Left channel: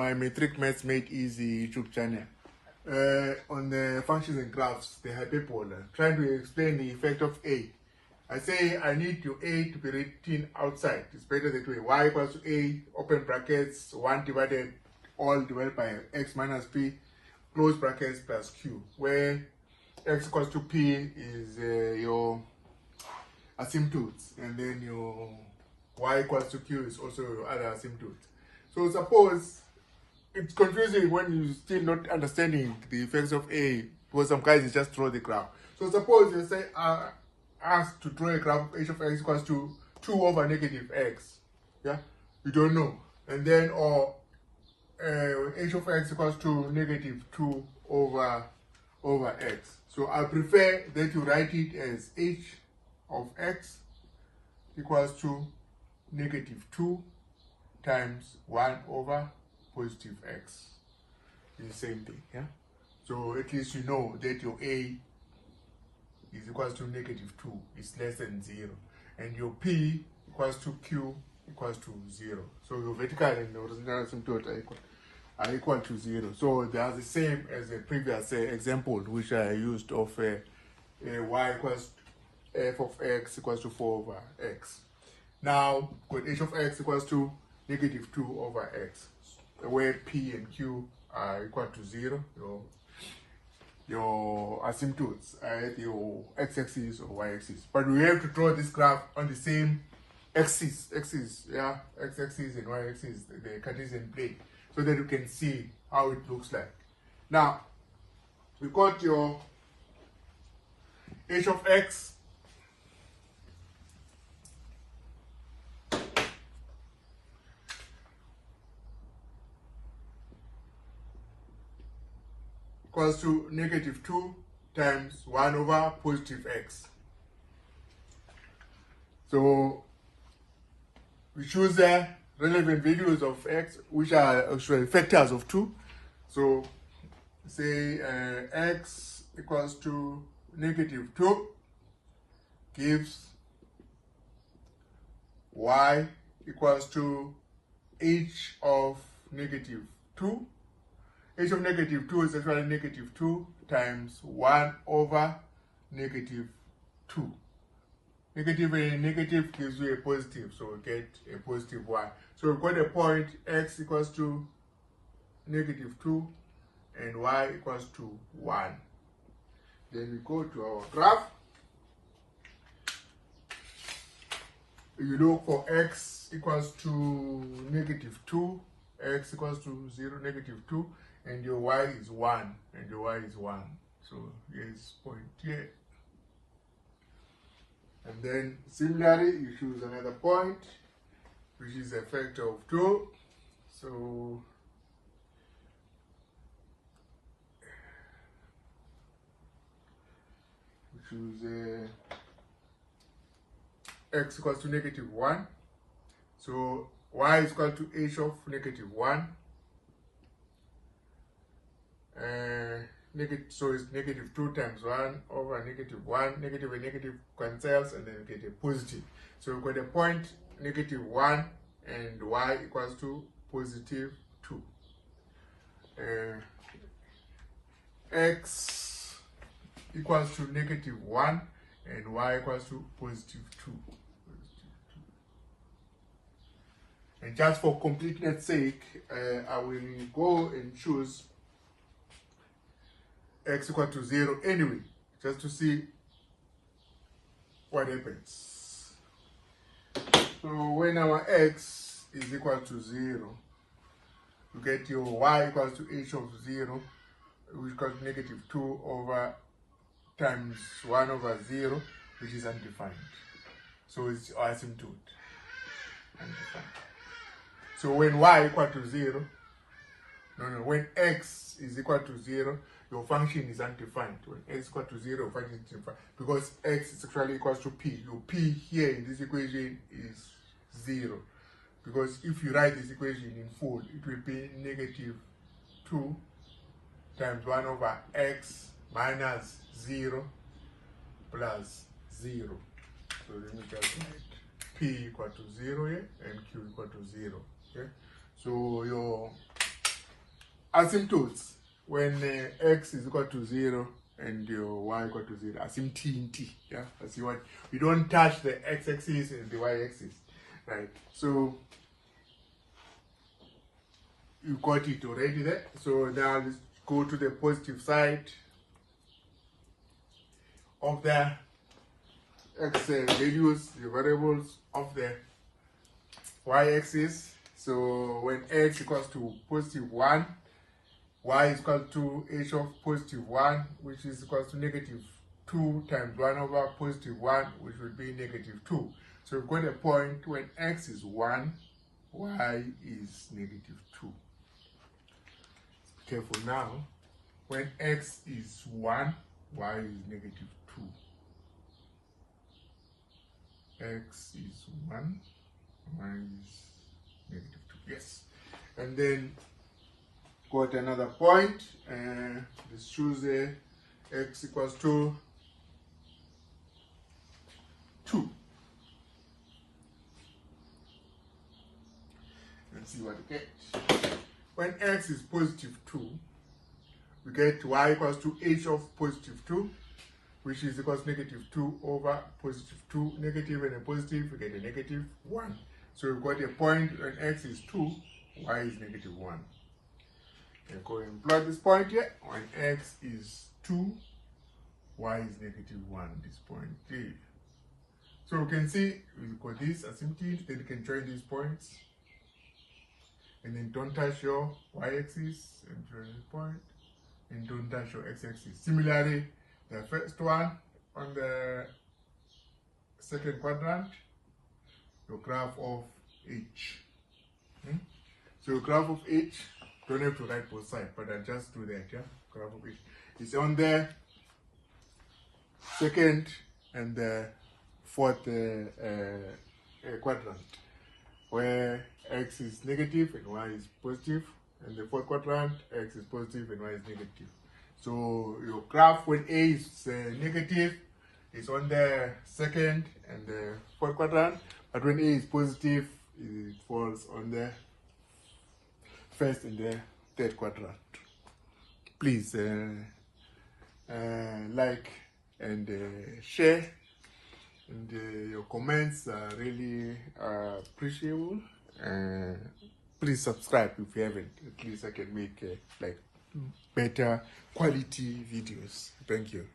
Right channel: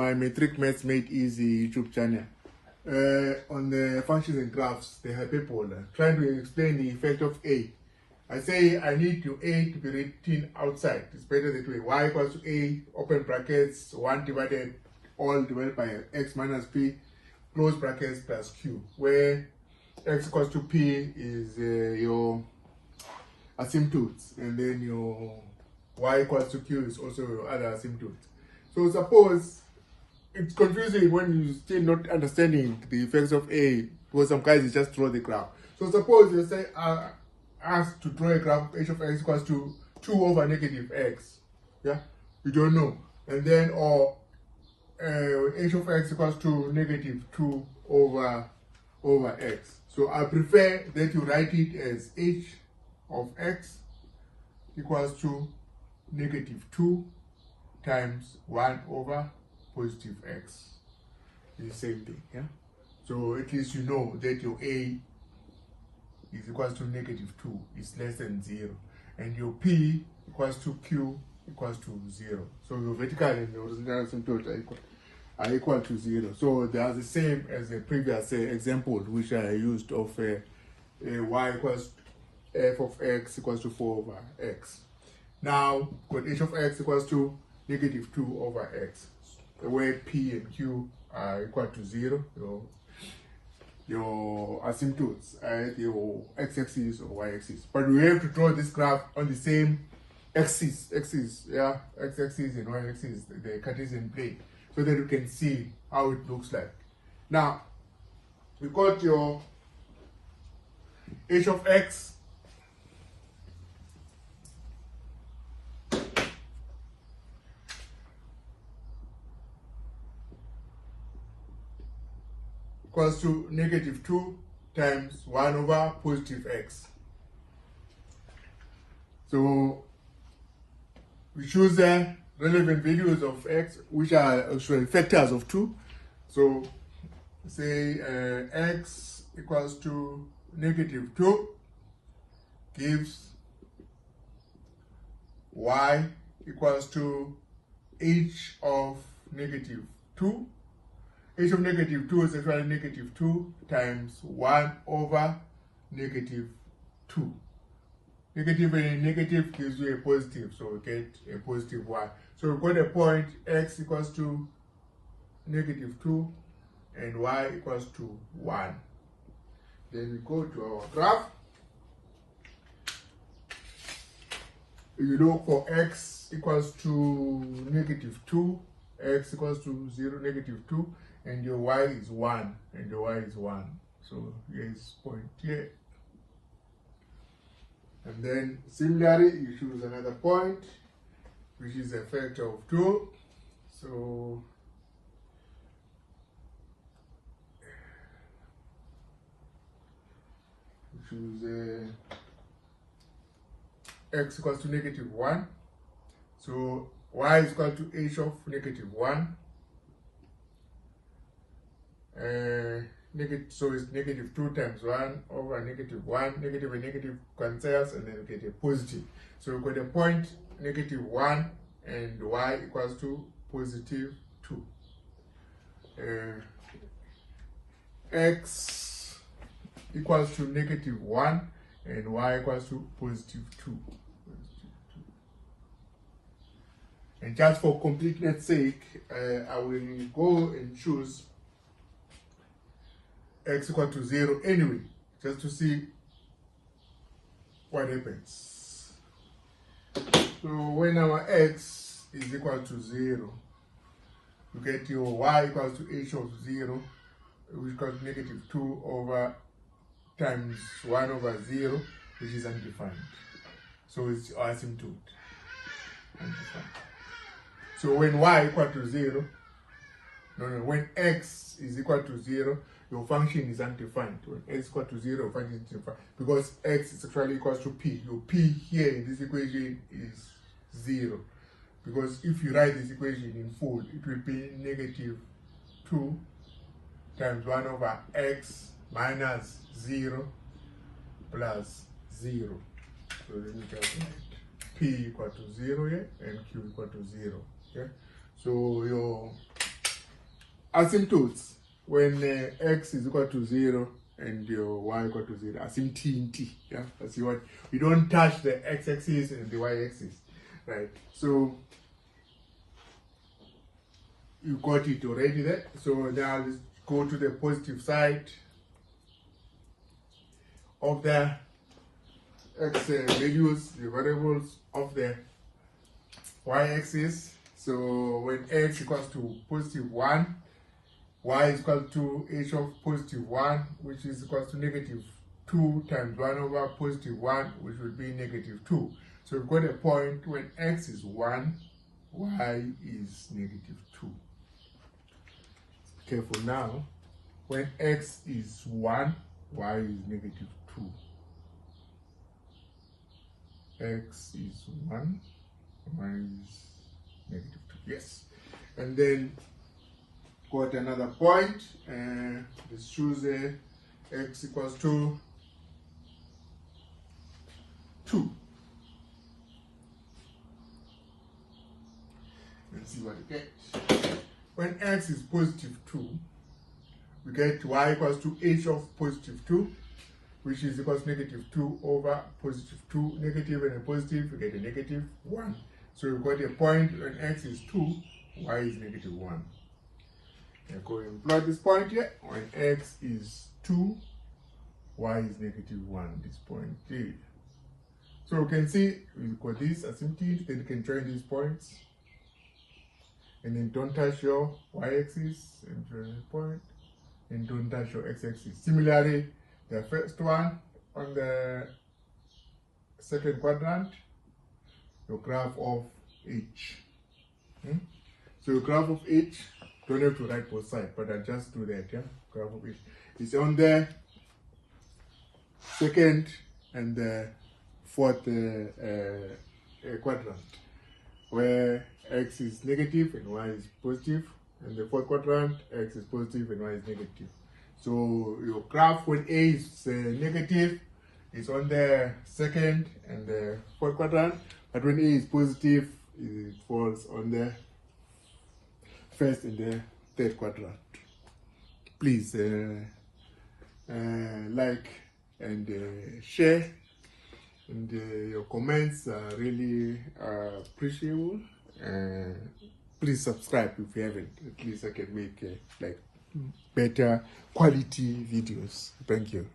my Metric Maths Made Easy YouTube channel. On the functions and graphs, the hyperbola, trying to explain the effect of A. I say I need A to be written outside. It's better that way. Y equals to A, open brackets, 1 divided, all divided by x minus p, close brackets plus q, where x equals to p is your asymptotes, and then your y equals to q is also your other asymptotes. So suppose it's confusing when you still not understanding the effects of A, because some guys you just draw the graph. So suppose you say asked to draw a graph of h of x equals to 2 over negative x. Yeah, we don't know. And then or h of x equals to negative 2 over x. So I prefer that you write it as h of x equals to negative 2 times 1 over positive x. It's the same thing. Yeah. So at least you know that your a is equals to negative 2, is less than 0, and your p equals to q equals to 0. So your vertical and the horizontal asymptote are equal to 0. So they are the same as the previous example which I used of y equals f of x equals to 4 over x. Now got h of x equals to negative 2 over x, where p and q are equal to 0. Your asymptotes are your x-axis or y-axis, but we have to draw this graph on the same axis, yeah, x-axis and y-axis, the Cartesian plane, so that you can see how it looks like. Now we got your h of x equals to negative 2 times 1 over positive x. So we choose the relevant values of x, which are actually factors of 2. So say x equals to negative 2 gives y equals to h of negative 2. H of negative 2 is actually negative 2 times 1 over negative 2. Negative and negative gives you a positive, so we get a positive y. So we've got a point x equals to negative 2 and y equals to 1. Then we go to our graph. You look for x equals to negative 2, x equals to 0, negative 2, and your y is 1, and your y is 1. So here's point here. And then similarly, you choose another point, which is a factor of 2. So you choose x equals to negative 1. So y is equal to h of negative 1. So it's negative 2 times 1 over negative 1. Negative and negative cancels, and then you get a positive. So we've got a point negative 1 and y equals to positive 2. X equals to negative 1 and y equals to positive 2. And just for completeness sake, I will go and choose x equal to 0 anyway, just to see what happens. So when our x is equal to 0, you get your y equals to h of 0, which equals to negative 2 over times 1 over 0, which is undefined. So it's asymptote. Undefined. So when y equal to 0, when x is equal to 0, your function is undefined. When x is equal to 0, your function is undefined, because x is actually equals to p. Your p here in this equation is 0. Because if you write this equation in full, it will be negative 2 times 1 over x minus 0 plus 0. So then you just write p equal to 0 here and q equal to 0. Okay? So your asymptotes, when x is equal to 0 and your y equal to 0, asymptote, yeah, that's what, you don't touch the x-axis and the y-axis, right? So you got it already there. So now let's go to the positive side of the x values, the variables of the y-axis. So when h equals to positive 1, y is equal to h of positive 1, which is equal to negative 2 times 1 over positive 1, which would be negative 2. So we've got a point when x is 1, y is negative 2. Careful now. When x is 1, y is negative 2. X is 1, y is negative 2. Yes. And then got another point. Let's choose x equals to 2. Let's see what we get. When x is positive 2, we get y equals to h of positive 2, which is equals to negative 2 over positive 2. Negative and a positive, we get a negative 1. So we've got a point when x is 2, y is negative 1. And go and plot this point here. When x is 2, y is negative 1, this point here. So we can see we've got this asymptote, then you can join these points. And then don't touch your y-axis and join the point. And don't touch your x-axis. Similarly, the first one on the second quadrant, your graph of h. So your graph of h, don't have to write both sides, but I'll just do that, yeah? Graph of h. It's on the second and the fourth quadrant, where x is negative and y is positive, and the fourth quadrant, x is positive and y is negative. So your graph when a is negative is on the second and the fourth quadrant, but when a is positive, it falls on the first and the third quadrant. Please like and share, and your comments are really appreciable. Please subscribe if you haven't. At least I can make like better quality videos. Thank you.